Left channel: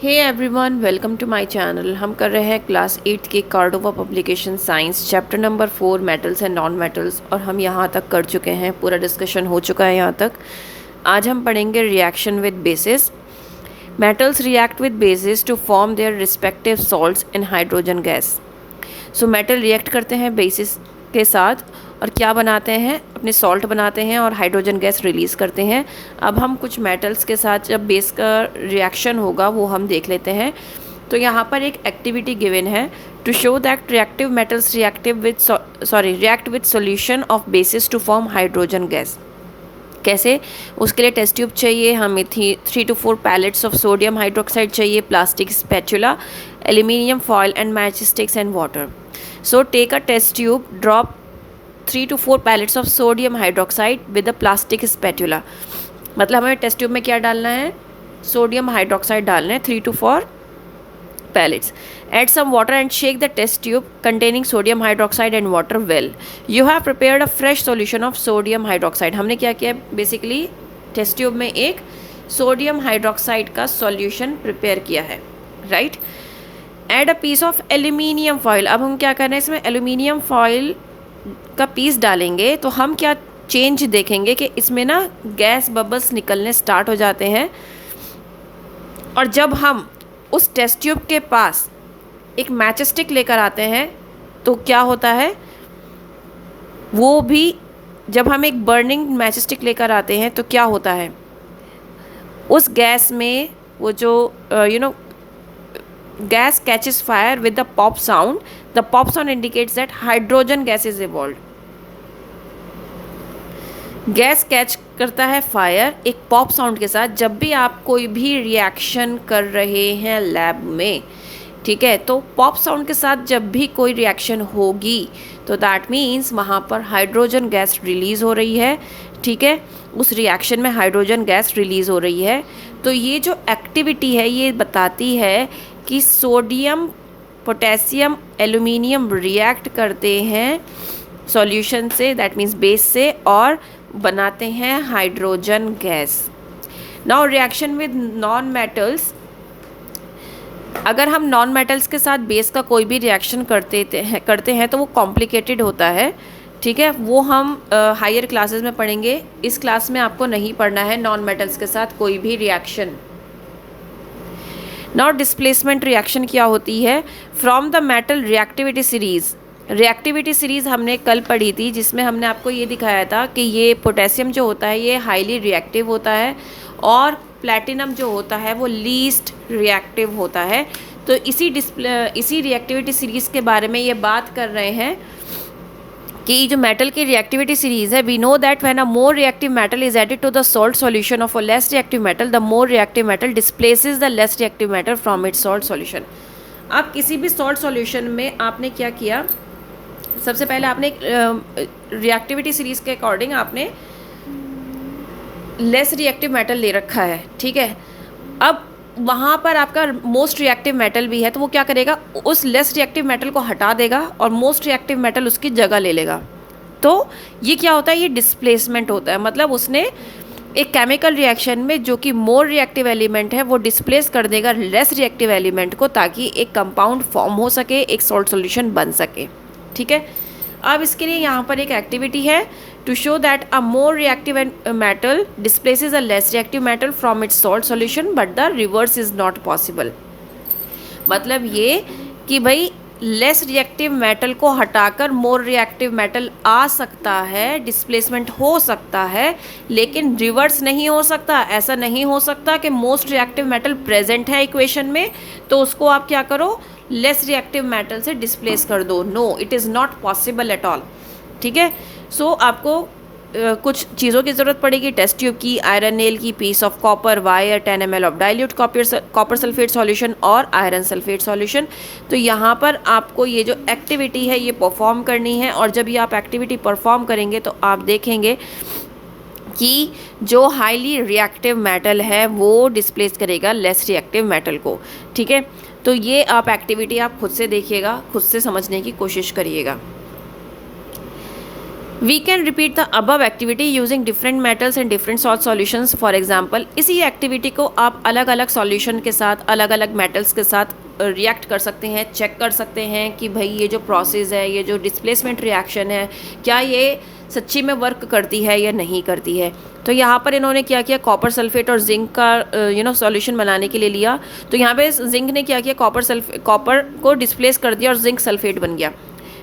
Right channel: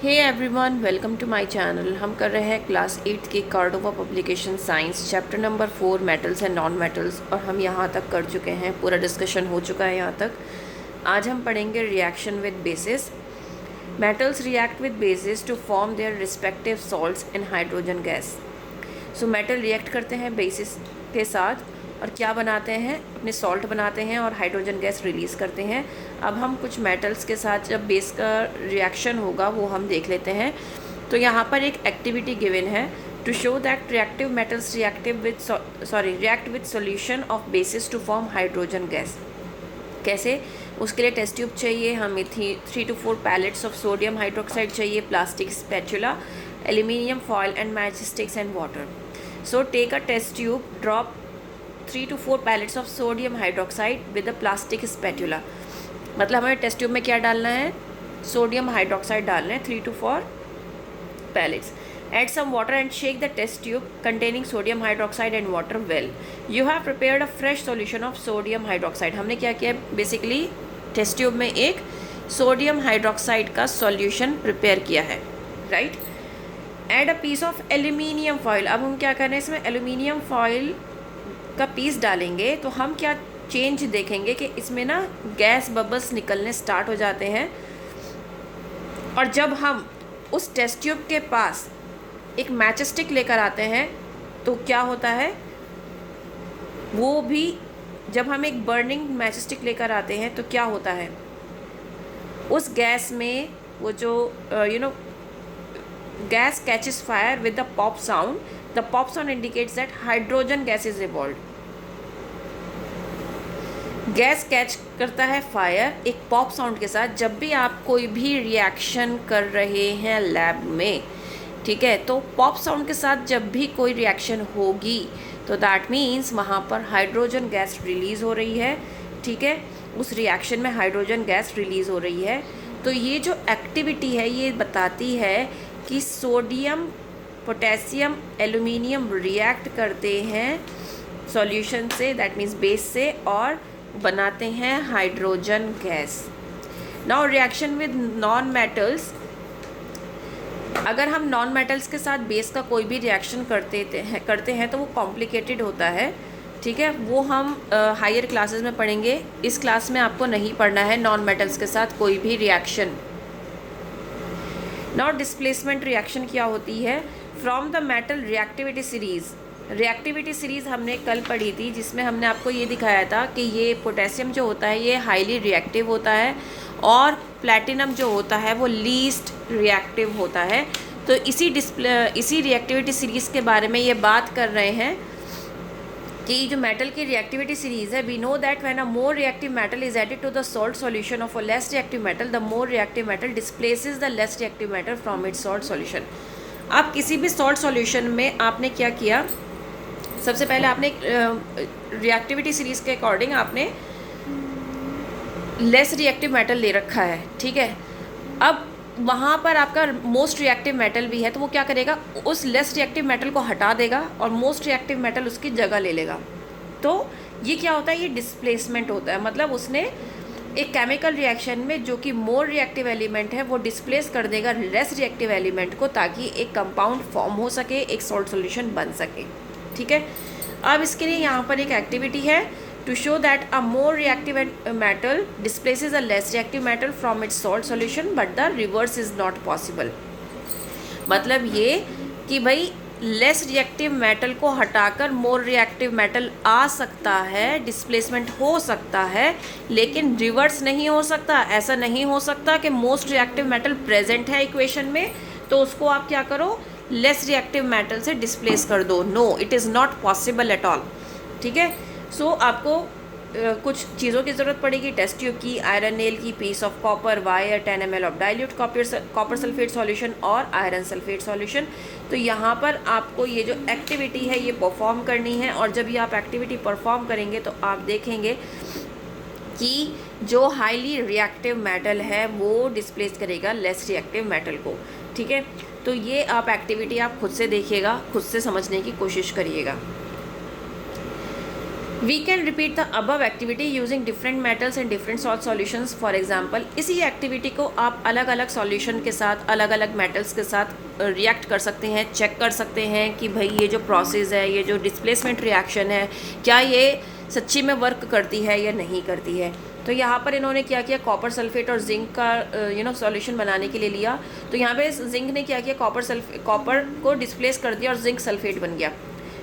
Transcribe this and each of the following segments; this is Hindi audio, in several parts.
Hey everyone, welcome to my channel. हम कर रहे हैं क्लास 8 के Cordova publication science chapter number 4 metals and non metals, और हम यहाँ तक कर चुके हैं। पूरा डिस्कशन हो चुका है यहाँ तक। आज हम पढ़ेंगे reaction with bases. Metals react with bases to form their respective salts in hydrogen gas. So metal react करते हैं बेसिस के साथ और क्या बनाते हैं, अपने सॉल्ट बनाते हैं और हाइड्रोजन गैस रिलीज़ करते हैं। अब हम कुछ मेटल्स के साथ जब बेस का रिएक्शन होगा वो हम देख लेते हैं। तो यहाँ पर एक एक्टिविटी गिवन है to show that reactive metals react with solution of bases to form hydrogen gas. कैसे? उसके लिए टेस्ट ट्यूब चाहिए हमें, 3 to 4 pellets of sodium hydroxide चाहिए, plastic spatula, aluminium foil and match sticks and water. So take a test tube, drop 3 to 4 pellets of sodium hydroxide with a plastic spatula. मतलब हमें टेस्ट ट्यूब में क्या डालना है? सोडियम हाइड्रोक्साइड डालना है, 3 to 4 pellets. Add some water and shake the test tube containing sodium hydroxide and water well. You have prepared a fresh solution of sodium hydroxide. हमने क्या किया? बेसिकली टेस्ट ट्यूब में एक सोडियम हाइड्रोक्साइड का सॉल्यूशन प्रिपेयर किया है, right? Add a piece of aluminium foil. अब हम क्या करना है, इसमें एल्यूमिनियम फॉयल का पीस डालेंगे तो हम क्या चेंज देखेंगे कि इसमें ना गैस बबल्स निकलने स्टार्ट हो जाते हैं। और जब हम उस टेस्ट ट्यूब के पास एक मैच स्टिक लेकर आते हैं तो क्या होता है, वो भी जब हम एक बर्निंग मैच स्टिक लेकर आते हैं तो क्या होता है, उस गैस में वो जो gas catches fire with the pop sound. The pop sound indicates that hydrogen gas is evolved. Gas catch करता है फायर एक पॉप साउंड के साथ जब भी आप कोई भी रिएक्शन कर रहे हैं लैब में, ठीक है? तो पॉप साउंड के साथ जब भी कोई रिएक्शन होगी तो दैट मीन्स वहाँ पर हाइड्रोजन गैस रिलीज़ हो रही है, ठीक है? उस रिएक्शन में हाइड्रोजन गैस रिलीज़ हो रही है। तो ये जो एक्टिविटी है ये बताती है कि सोडियम, पोटेशियम, एल्यूमिनियम रिएक्ट करते हैं सॉल्यूशन से, दैट मीन्स बेस से, और बनाते हैं hydrogen gas. Now reaction with non metals. अगर हम नॉन मेटल्स के साथ बेस का कोई भी रिएक्शन करते हैं तो वो कॉम्प्लिकेटेड होता है, ठीक है? वो हम हायर क्लासेस में पढ़ेंगे। इस क्लास में आपको नहीं पढ़ना है नॉन मेटल्स के साथ कोई भी रिएक्शन। नाउ डिस्प्लेसमेंट रिएक्शन क्या होती है? From the metal reactivity series. Reactivity series हमने कल पढ़ी थी जिसमें हमने आपको ये दिखाया था कि ये पोटेशियम जो होता है ये हाईली रिएक्टिव होता है और प्लैटिनम जो होता है वो लीस्ट रिएक्टिव होता है। तो इसी रिएक्टिविटी सीरीज़ के बारे में ये बात कर रहे हैं कि जो मेटल की रिएक्टिविटी सीरीज़ है, we know that when a more reactive metal is added to the salt solution of a less reactive metal, the more reactive metal displaces the less reactive metal from its salt solution. अब किसी भी सॉल्ट सॉल्यूशन में आपने क्या किया, सबसे पहले आपने रिएक्टिविटी सीरीज़ के अकॉर्डिंग आपने लेस रिएक्टिव मेटल ले रखा है, ठीक है? अब वहाँ पर आपका मोस्ट रिएक्टिव मेटल भी है तो वो क्या करेगा, उस लेस रिएक्टिव मेटल को हटा देगा और मोस्ट रिएक्टिव मेटल उसकी जगह ले लेगा। तो ये क्या होता है, ये डिस्प्लेसमेंट होता है। मतलब उसने एक केमिकल रिएक्शन में जो कि मोर रिएक्टिव एलिमेंट है वो डिस्प्लेस कर देगा लेस रिएक्टिव एलिमेंट को, ताकि एक कंपाउंड फॉर्म हो सके, एक सॉल्ट सॉल्यूशन बन सके, ठीक है? अब इसके लिए यहाँ पर एक एक्टिविटी है to show that a more reactive metal displaces a less reactive metal from its salt solution but the reverse is not possible. मतलब ये कि भाई लेस रिएक्टिव मेटल को हटाकर मोर रिएक्टिव मेटल आ सकता है, डिस्प्लेसमेंट हो सकता है, लेकिन रिवर्स नहीं हो सकता। ऐसा नहीं हो सकता कि मोस्ट रिएक्टिव मेटल प्रेजेंट है इक्वेशन में तो उसको आप क्या करो, लेस रिएक्टिव मेटल से डिस्प्लेस कर दो। No, it is not possible at all, ठीक है? सो आपको कुछ चीज़ों की ज़रूरत पड़ेगी, टेस्ट ट्यूब की, आयरन नेल की, piece of copper, wire, 10 ml of dilute copper sulphate solution और आयरन सल्फेट सॉल्यूशन। तो यहाँ पर आपको ये जो एक्टिविटी है ये परफॉर्म करनी है, और जब ये आप एक्टिविटी परफॉर्म करेंगे तो आप देखेंगे कि जो हाईली रिएक्टिव मेटल है वो डिस्प्लेस करेगा लेस रिएक्टिव मेटल को, ठीक है? तो ये आप एक्टिविटी आप खुद से देखिएगा, खुद से समझने की कोशिश करिएगा। We can repeat the above activity using different metals and different salt solutions. For example, इसी एक्टिविटी को आप अलग अलग सॉल्यूशन के साथ, अलग अलग मेटल्स के साथ रिएक्ट कर सकते हैं, चेक कर सकते हैं कि भाई ये जो प्रोसेस है, ये जो डिस्प्लेसमेंट रिएक्शन है, क्या ये सच्ची में वर्क करती है या नहीं करती है। तो यहाँ पर इन्होंने क्या किया, कॉपर सल्फेट और जिंक का सॉल्यूशन बनाने के लिए लिया। तो यहाँ पे जिंक ने क्या किया, कॉपर को डिस्प्लेस कर दिया और जिंक सल्फेट बन गया।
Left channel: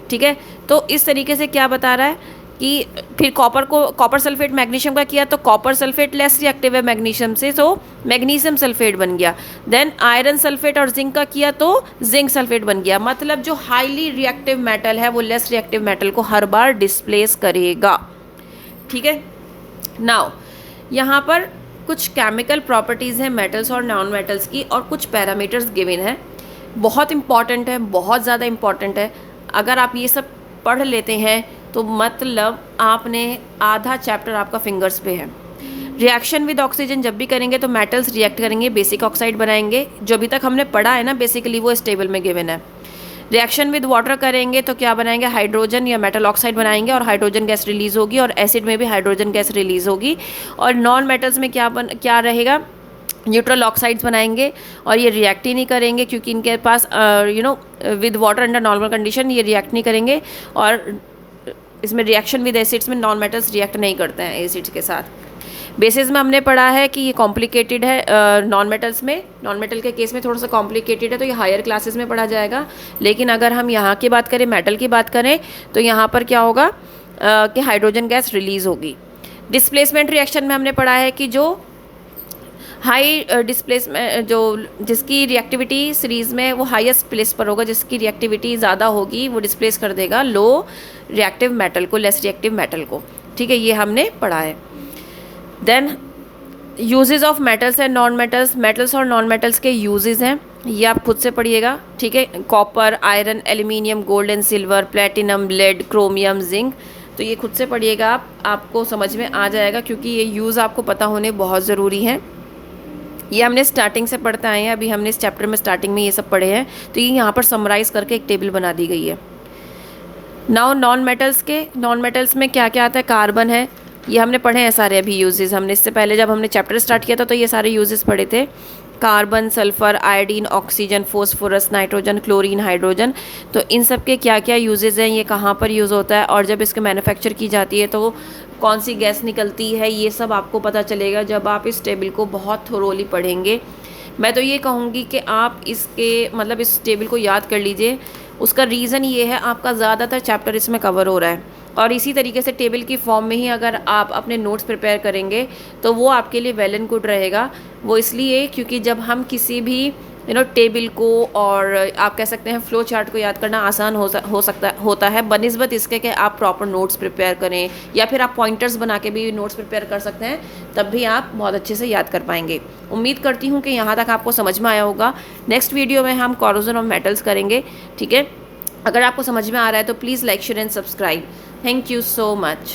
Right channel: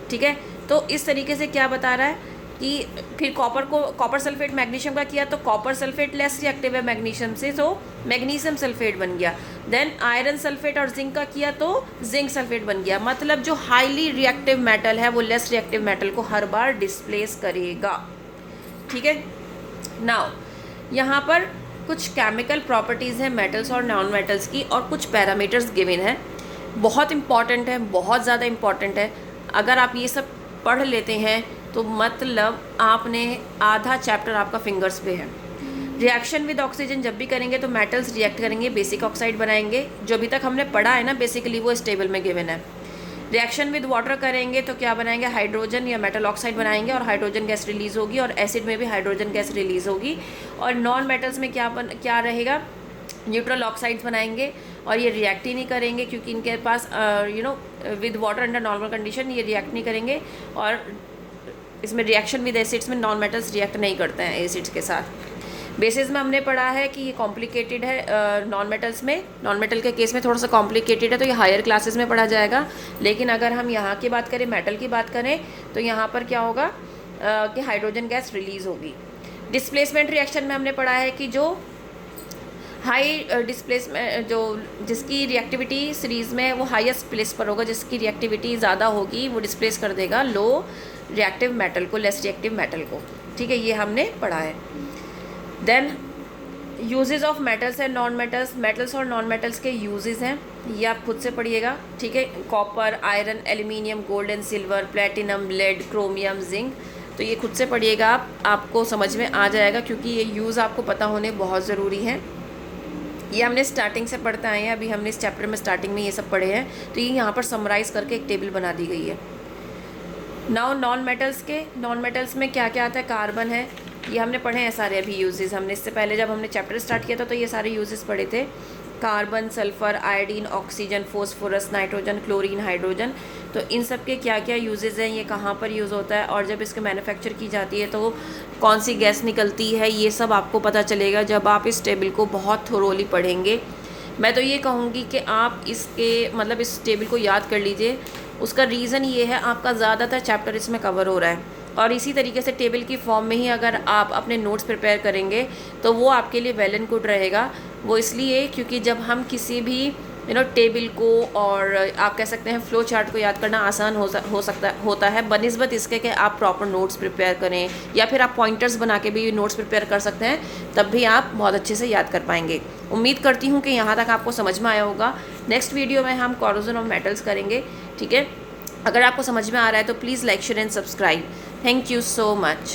ठीक है, तो इस तरीके से क्या बता रहा है कि फिर कॉपर सल्फेट मैग्नीशियम का किया तो कॉपर सल्फेट लेस रिएक्टिव है मैग्नीशियम से, तो मैग्नीशियम सल्फेट बन गया। देन आयरन सल्फेट और जिंक का किया तो जिंक सल्फेट बन गया। मतलब जो हाईली रिएक्टिव मेटल है वो लेस रिएक्टिव मेटल को हर बार डिस्प्लेस करेगा। ठीक है, नाउ यहाँ पर कुछ केमिकल प्रॉपर्टीज़ हैं मेटल्स और नॉन मेटल्स की, और कुछ पैरामीटर्स गिवन है। बहुत इंपॉर्टेंट है, बहुत ज़्यादा इंपॉर्टेंट है। अगर आप ये सब पढ़ लेते हैं तो मतलब आपने आधा चैप्टर आपका फिंगर्स पे है। रिएक्शन विद ऑक्सीजन जब भी करेंगे तो मेटल्स रिएक्ट करेंगे, बेसिक ऑक्साइड बनाएंगे। जो अभी तक हमने पढ़ा है ना बेसिकली वो इस टेबल में गिवन है। रिएक्शन विद वाटर करेंगे तो क्या बनाएंगे, हाइड्रोजन या मेटल ऑक्साइड बनाएंगे और हाइड्रोजन गैस रिलीज़ होगी, और एसिड में भी हाइड्रोजन गैस रिलीज़ होगी। और नॉन मेटल्स में क्या रहेगा, न्यूट्रल ऑक्साइड्स बनाएंगे और ये रिएक्ट ही नहीं करेंगे क्योंकि इनके पास with water under normal condition ये रिएक्ट नहीं करेंगे। और इसमें रिएक्शन विद एसिड्स में नॉन मेटल्स रिएक्ट नहीं करते हैं एसिड्स के साथ। बेसिस में हमने पढ़ा है कि ये कॉम्प्लिकेटेड है नॉन मेटल्स में, नॉन मेटल के केस में थोड़ा सा कॉम्प्लिकेटेड है, तो ये हायर क्लासेस में पढ़ा जाएगा। लेकिन अगर हम यहाँ की बात करें, मेटल की बात करें, तो यहाँ पर क्या होगा कि हाइड्रोजन गैस रिलीज़ होगी। डिस्प्लेसमेंट रिएक्शन में हमने पढ़ा है कि जो हाई डिस्प्लेसमेंट जिसकी रिएक्टिविटी सीरीज़ में वो हाईएस्ट प्लेस पर होगा, जिसकी रिएक्टिविटी ज़्यादा होगी वो डिस्प्लेस कर देगा लो रिएक्टिव मेटल को, लेस रिएक्टिव मेटल को। ठीक है, ये हमने पढ़ा है। Then uses of metals and non metals, metals और नॉन मेटल्स के यूजेस हैं, ये आप खुद से पढ़िएगा। ठीक है, copper, iron, aluminium, gold and silver, platinum, lead, chromium, zinc, तो ये खुद से पढ़िएगा आपको समझ में आ जाएगा क्योंकि ये यूज़ आपको पता होने बहुत ज़रूरी है। ये हमने स्टार्टिंग से पढ़ते आए हैं, अभी हमने इस चैप्टर में स्टार्टिंग में ये सब पढ़े हैं, तो ये यहाँ पर समराइज़ करके एक टेबल बना दी गई है। नाउ नॉन मेटल्स में क्या क्या आता है, कार्बन है, ये हमने पढ़े हैं सारे अभी यूजेस। हमने इससे पहले जब हमने चैप्टर स्टार्ट किया था तो ये सारे यूजेस पढ़े थे। Carbon, sulphur, iodine, oxygen, phosphorus, nitrogen, chlorine, hydrogen, तो इन सब के क्या क्या यूजेस हैं, ये कहाँ पर यूज़ होता है, और जब इसके मैन्युफैक्चर की जाती है तो कौन सी गैस निकलती है, ये सब आपको पता चलेगा जब आप इस टेबल को बहुत थोरोली पढ़ेंगे। मैं तो ये कहूँगी कि आप इस टेबल को याद कर लीजिए। उसका रीज़न ये है, आपका ज़्यादातर चैप्टर इसमें कवर हो रहा है, और इसी तरीके से टेबल की फॉर्म में ही अगर आप अपने नोट्स प्रिपेयर करेंगे तो वो आपके लिए वेल एंड गुड रहेगा। वो इसलिए क्योंकि जब हम किसी भी टेबल को, और आप कह सकते हैं फ्लो चार्ट को याद करना आसान होता है बनिस्बत इसके कि आप प्रॉपर नोट्स प्रिपेयर करें, या फिर आप पॉइंटर्स बना के भी नोट्स प्रिपेयर कर सकते हैं, तब भी आप बहुत अच्छे से याद कर पाएंगे। उम्मीद करती हूँ कि यहाँ तक आपको समझ में आया होगा। नेक्स्ट वीडियो में हम कॉरोजन ऑफ मेटल्स करेंगे। ठीक है, अगर आपको समझ में आ रहा है तो please like, share and subscribe. Thank you so much.